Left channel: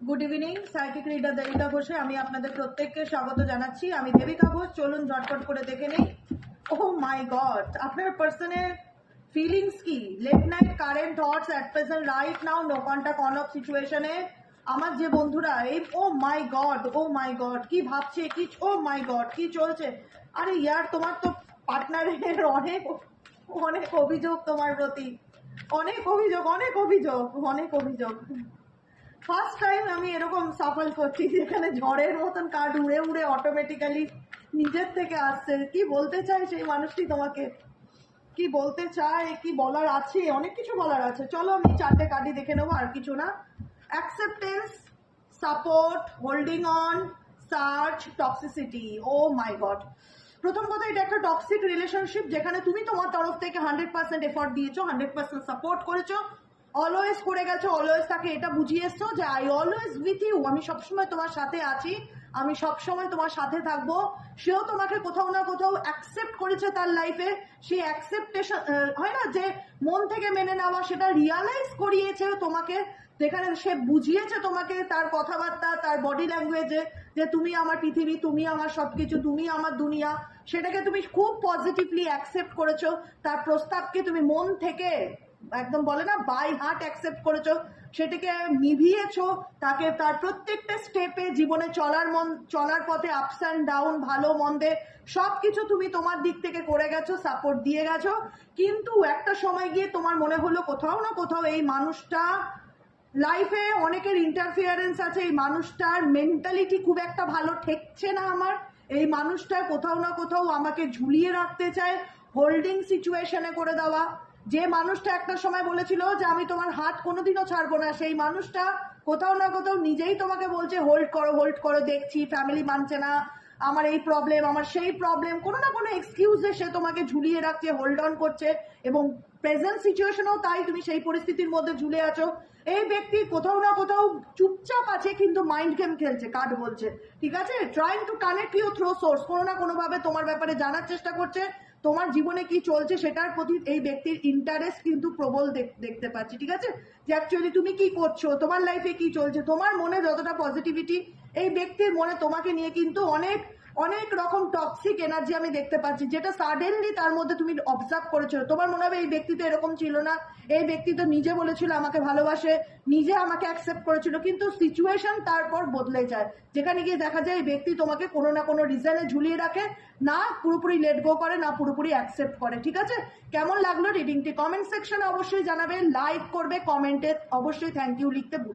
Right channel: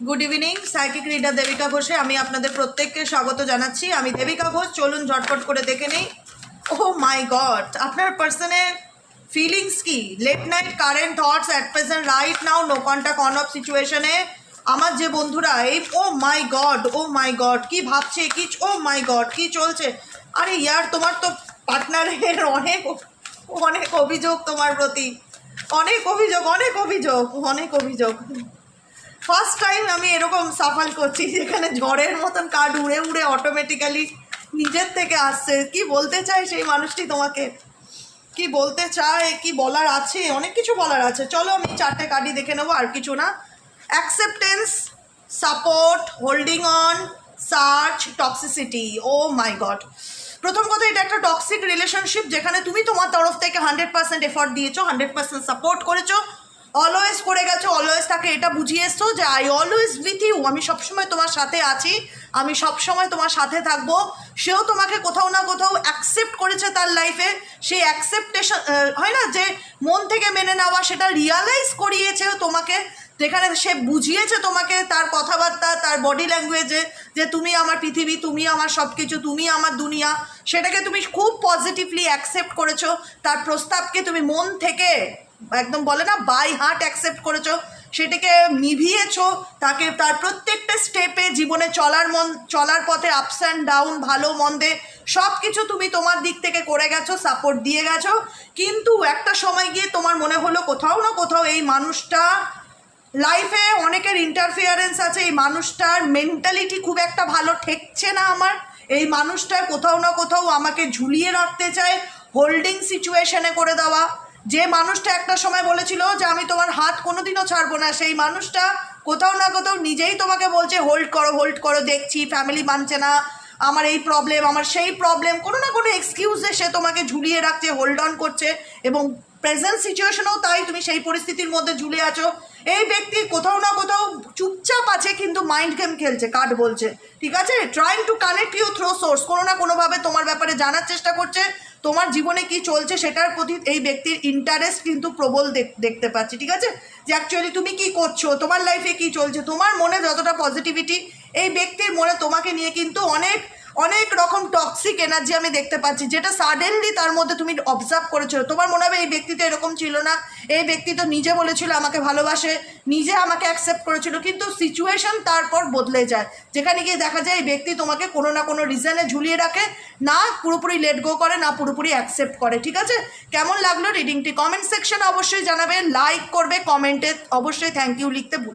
Good evening, psychic reader Devika ঘোষে আমি আপনাদের প্রত্যেককে স্বাগত জানাচ্ছি। আমি দেবিকা ঘোষ। চলুন ঝটপট করে দেখে নিই। ও মাই গড, আপনার পার্সনের ফিলিংস কি? Late night current thoughts at present right now, no contact on off সিচুয়েশনে। আমার যে বন্ধুরা এই ও মাই গড কি ভাবছে, কি ও মাই গড কি চলছে। আরে ইয়ার, তোমার তো পার্টনারের অনেক অনেক অভিযোগ তোমার প্রতি, অনেক অভিযোগ। ফার্স্ট টাইম আমি এরকম সাফাল করছি যেখানে ঝড়ের মতন কার্ড উড়ে উড়ে অটোমেটিক্যালি নিজের থেকে আসছে। কি বলতে চায় সেই মানুষটি তোমাকে, কি বলতে চায়, কি বলার আছে, অনেক কিছু বলার আছে। চলো আমি 4টে কার্ডই দেখে নেবো, আর কিছু না। Acceptance, support, holding on, search, toxicity. Oh my god, প্রথম কথা এটা একটা টক্সিক রিলেশনশিপ যেখানে তুমি তোমার তরফ থেকে 100% এফর্ট দিয়েছো, 100% সাপোর্ট করেছো, অলওয়েজ করে গেছো, অলওয়েজ তাকে এটা বুঝিয়ে এসছো যে আই অলওয়েজ উইথ ইউ, আমি সবসময় তোমার সাথে আছি, আমি সবসময় তোমার সাথে থাকবো। সেও তোমাকে কোথাও না কোথাও অ্যাকসেপ্ট করেছে তার লাইফে। সেই অ্যাকসেপ্টেশন হয় না যে মন থেকে মেনে নেওয়া, সেটা রিয়ালাইজ করিয়েছে তোমাকে, যেখানে সে বুঝিয়েছে তোমাকে তার কথাবার্তা, তার বডি ল্যাঙ্গুয়েজে যে তুমি আমার পৃথিবী, তুমি আমার সব কিছু, তুমি আমার দুনিয়া। সেটাকে তুমি খুব পজিটিভলি অ্যাকসেপ্ট করেছো, তার প্রস্তাবকে তুমি মন থেকে একদম বলে না বাই হার্ট অ্যাকসেপ্ট করেছো, সেটাকে নিভিয়েছো, তাকে তার প্রত্যেকটা স্টেপে জীবনে চলার পথে আপস অ্যান্ড ডাউন, ভালো মন্দে সব কিছু তুমি তোমার দিক থেকে করে গেছো, সাপোর্ট দিয়ে গেছো। কিন্তু একটা সময় গিয়ে তোমার মনে হলো কোথাও না কোথাও এই মানুষটা লাইফে অনেকের ইন্টারফিয়ারেন্স আছে, এই মানুষটার মেন্টালিটি খুব একটা ভালো ঠেকছে না আমার, এই মানুষটা কোথাও না কোথাও আমাকে ঝুলিয়ে রাখতে চায়, হোল্ডিং সিচুয়েশনে করে দেওয়া। যে মানুষটা একটা সময় বলেছিল যে আমি তোমার হাত কোনোদিনও ছাড়বো না, সেই মানুষটা কোথাও না কোথাও নিজেই তোমাকে বলছে হোল্ড করো, দেখছি ফ্যামিলি মানছে না, আমার এই প্রবলেম, আমার সেই প্রবলেম, কোনো না কোনো এক্সকিউজে সে তোমাকে ঝুলিয়ে রাখছে, হোল্ড অন করছে। এবং প্রেজেন্ট সিচুয়েশনেও তাই, তুমি সেই পরিস্থিতির মধ্যে ঝুলে আছো। এই ব্যক্তি কোথাও না কোথাও চুপচাপ আছে কিন্তু মাইন্ড গেম খেলছে, কার্ড বলছে, ঠিক আছে, trying to connect you through source, কোনো না কোনোভাবে তোমার ব্যাপারে জানার চেষ্টা করছে, তোমার জীবনে কি চলছে সেটার প্রতি এই ব্যক্তির ইন্টারেস্ট কিন্তু প্রবল দেখতে পাচ্ছি, ঠিক আছে, যে অ্যাকচুয়ালি তুমি কি করছো, তোমার লাইফে কি চলছে, তোমার মনে যতটা পজিটিভিটি, এই ব্যক্তির মনে তোমাকে নিয়ে কিন্তু অনেক অনেক রকম টক্সিক এনার্জি আমি দেখতে পাচ্ছি, যেটা সাডেনলি তার মধ্যে তুমি অবজার্ভ করেছো। তোমার মনে হবে এই ব্যক্তি তো এরকম ছিল না, এই ব্যক্তি তো নিজে বলেছিল আমাকে ভালোবাসে, নিজে আমাকে অ্যাকসেপ্ট করেছিল, কিন্তু সিচুয়েশন তারপর বদলে যায়, যেখানে গিয়ে দেখা যায় এই ব্যক্তি তোমাকে কোনো না কোনো রিজনে ঝুলিয়ে রাখে, না পুরোপুরি লেট গো করে, না পুরোপুরি অ্যাকসেপ্ট করে, ঠিক আছে। কেমন লাগলো রিডিংটি কমেন্ট সেকশনে অবশ্যই জানাবে, লাইক করবে, কমেন্টে অবশ্যই থ্যাংক ইউ লিখতে